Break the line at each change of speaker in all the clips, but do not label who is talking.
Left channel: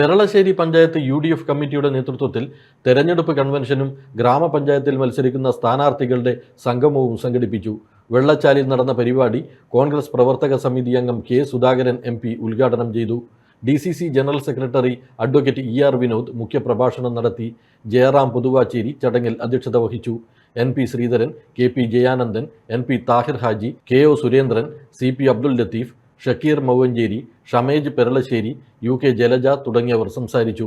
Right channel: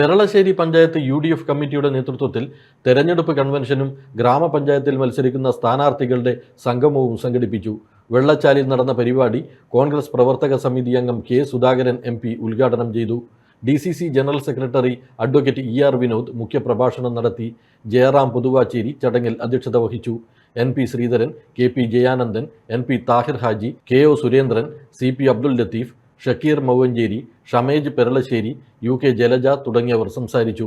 Peralassery panchayat U D F കമ്മിറ്റിയുടെ നേതൃത്വത്തിൽ തെരഞ്ഞെടുപ്പ് കൺവെൻഷനും ഗ്രാമപഞ്ചായത്തിൽ മത്സരിക്കുന്ന സ്ഥാനാർത്ഥികളുടെ സംഗമവും സംഘടിപ്പിച്ചു. വെള്ളച്ചാലിൽ നടന്ന പരിപാടി കോൺഗ്രസ് പ്രവർത്തക സമിതി അംഗം കെ സുധാകരൻ എം പി ഉദ്ഘാടനം ചെയ്തു. D C C general secretary advocate E R Vinod മുഖ്യപ്രഭാഷണം നടത്തി. ജയറാം പുതുവാച്ചേരി ചടങ്ങിൽ അധ്യക്ഷത വഹിച്ചു. N P Sreedharan K P Jayanandan N P Thahir Haji K O Surendran C P Abdul Latheef Shakeer Mauvancheri Shamej Peralassery U K Jalaja തുടങ്ങിയവർ സംസാരിച്ചു.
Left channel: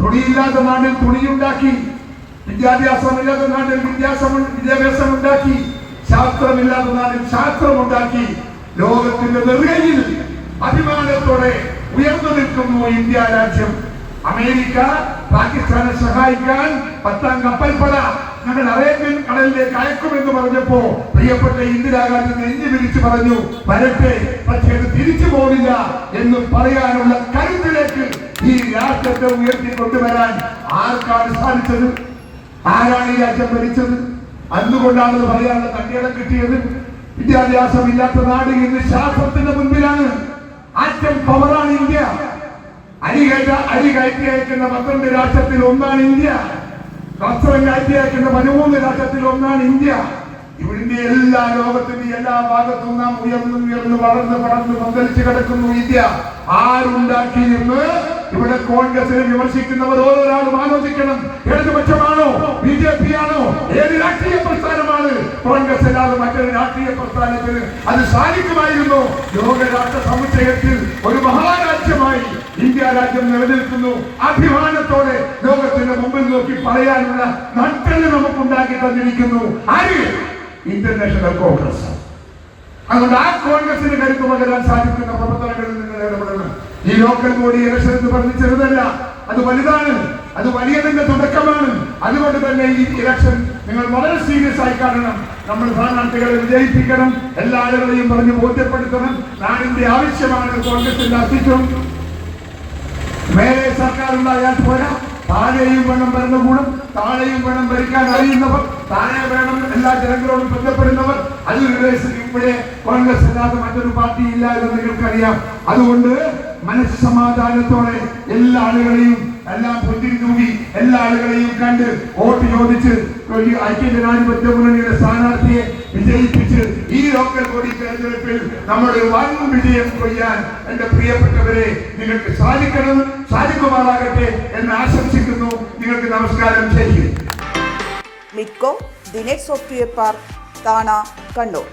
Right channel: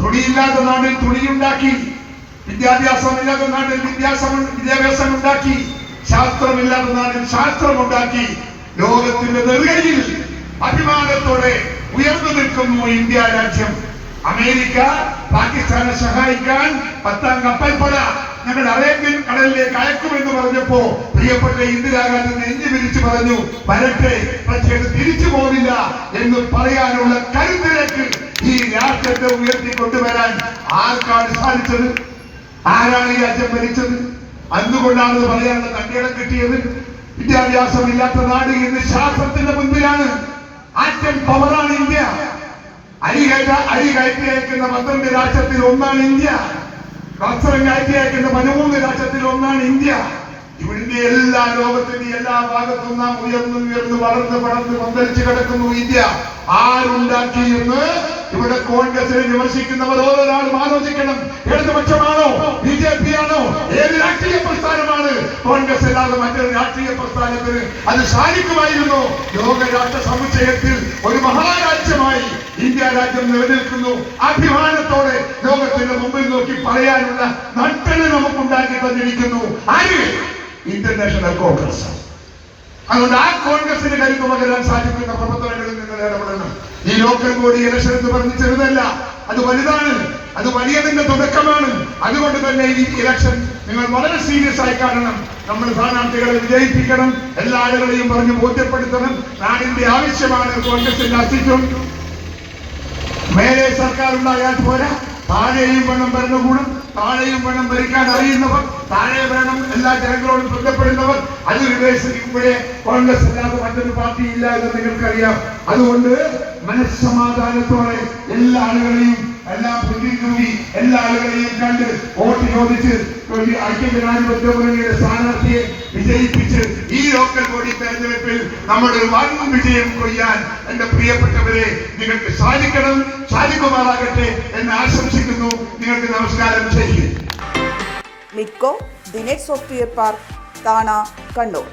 തുണിയില്ലാത്ത നാടിൽ തുണിയുണ്ടാക്കി വിദ്യാഭ്യാസമില്ലാത്ത വിദ്യാഭ്യാസം ഉണ്ടാക്കി ശാസ്ത്രമില്ലാത്ത ലോകത്തിന്റെ നെറുകയിൽ അഭിമാനത്തോടെ ഉയർന്നു നിൽക്കുന്നു ഇന്ത്യ രാജ്യം. അമേരിക്ക പാകിസ്ഥാനെ സഹായിക്കാൻ പത്താം കപ്പൽപ്പട ഞങ്ങൾ അറേബ്യൻ കടലിലേക്ക് അയക്കുമെന്ന് പറഞ്ഞപ്പോ പ്രിയപ്പെട്ട ഇന്ദിരാഗാന്ധി നെഞ്ഞു വിരിച്ചു പറഞ്ഞു വരട്ടെ പക്ഷേ തിരിച്ചു പോവില്ല എന്ന് പറയാനുള്ള കരുത്തിലേക്ക് ഈ രാഷ്ട്രത്തെ ഉയർത്തി കൊണ്ടുവരാൻ ആർക്കാണ് സാധിച്ചത്? ആരാണ് ഈ രാജ്യം ഭരിച്ചത്? എന്തുകൊണ്ടാണെന്ന് പറയാനുള്ള തന്റെ കിട്ടിയത്? വിദ്യാഭ്യാസം ഇല്ലാത്ത നാട് ഇന്ന് ശാസ്ത്രത്തിന്റെ മുൻപിലാണ്. ആറ്റം പവറാണ് ഇന്ത്യ. അരി കയറ്റ അരി കയറ്റി അയക്കുന്ന പന്ത്രണ്ട് രാഷ്ട്രത്തിൽ ഒന്നാണ് ഇന്ത്യ. അയക്കുന്ന പതിമൂന്ന് ഒന്നാണ് ഇന്ത്യ. ഇവിടുത്തെ എല്ലാ ലോകത്തിന്റെ എല്ലാ ഭാഗത്തും നാം ഉയർന്നു ഉയർന്നു വളർന്ന് വളർന്ന് പന്തലിച്ച് കിടക്കുന്നു ഇന്ത്യ. ആരുണ്ടാക്കി എന്ന് ഇവിടെ കോൺഗ്രസിനെ വിമർശിക്കുന്നവർ ഓരോരാളും ആലോചിക്കണം. ഇടതുപക്ഷമാണോ? ബി ജെ പി ആണോ ഏത് രാഷ്ട്രീയ പ്രസ്ഥാനമാണ്? കോൺഗ്രസ് അല്ലാതെ മറ്റൊരു രാഷ്ട്രീയ പ്രസ്ഥാനത്തിന് അത് സാധിക്കുമായിരുന്നു? ലോക രാഷ്ട്ര സമുച്ചയത്തിൽ ഒരു മഹാരാജ്യമായി ഇന്ത്യ രാജ്യം നിലനിൽക്കുന്നു. അഭിമാനത്തോടെ ലോകത്തിന്റെ മുമ്പിൽ നോക്കി പറയാനുള്ള നട്ടൽ നമുക്കുണ്ടാക്കി തന്നിരിക്കുന്നു. ആര്? ഇന്റർനാഷണൽ കോൺഗ്രസ് അതുകൊണ്ട് ആ കോൺഗ്രസിന് കരുത്ത് പകരാൻ സാധിക്കുന്ന പ്രവർത്തനങ്ങളിൽ നിങ്ങൾ ഇടപെടണം. ഈ ലോക്കൽ ബോഡി ഇലക്ഷൻ എന്ന് പറഞ്ഞ് ചെറുതല്ല അത് വലുതാണ്. അത് വലിയതിന്റെ തുടക്കമാണ്. അതുകൊണ്ട് തന്നെ ഈ ഇലക്ഷൻ നിങ്ങൾ വളരെ സീരിയസ് ആയി കാണണം. നമ്മൾ സ്ഥാനാർത്ഥികളെ വിജയിപ്പിക്കണം. എല്ലാ ആളുകളെയും പറഞ്ഞ് ബോധ്യപ്പെടുത്തണം. നാടിന്റെ ആവശ്യമാണ് കോൺഗ്രസിന്റെ അസ്തിത്വം മേലെ സർക്കാർ ഉണ്ടായാൽ പോരാ. താഴെയും വേണം ഭരണകൂടം താഴെയും വേണം ഭരിക്കാൻ അറിയുന്നവർ താഴെ വേണം എല്ലാ ജനങ്ങളോടും ബന്ധപ്പെടുന്നവർ അത് ഇവിടെ ഇവിടെ കോൺഗ്രസ് അല്ലാതെ മറ്റൊരു പാർട്ടി ഇല്ല എന്ന് നിങ്ങൾക്കറിയാം. അതുകൊണ്ട് മനസ്സമാധാനത്തോടെ എല്ലാ ആളുകളെയും എല്ലാം കൂടി എല്ലാ ആളുകളെയും കണ്ട് വോട്ട് ചോദിച്ച് ഐക്യ ജനാധിപത്യ മുന്നണിയുടെ സ്ഥാനാർത്ഥിയെ വിജയിപ്പിച്ച് ഈ ലോക്കൽ ബോഡി തെരഞ്ഞെടുപ്പിൽ നമ്മുടെ വൻ വിജയം കൊയ്യാൻ എന്റെ പ്രിയപ്പെട്ടവരെ നിങ്ങൾക്ക് സാധിക്കണം സാധിക്കുമാറാകട്ടെ എന്ന് ആശംസിക്കുന്നു. നിങ്ങൾക്ക് നമസ്കാരം. ചെയ്യും
മിക്കോ ദിനേഷ് സോഫ്റ്റ്വെയർ പാർക്ക് താണ കണ്ണൂർ.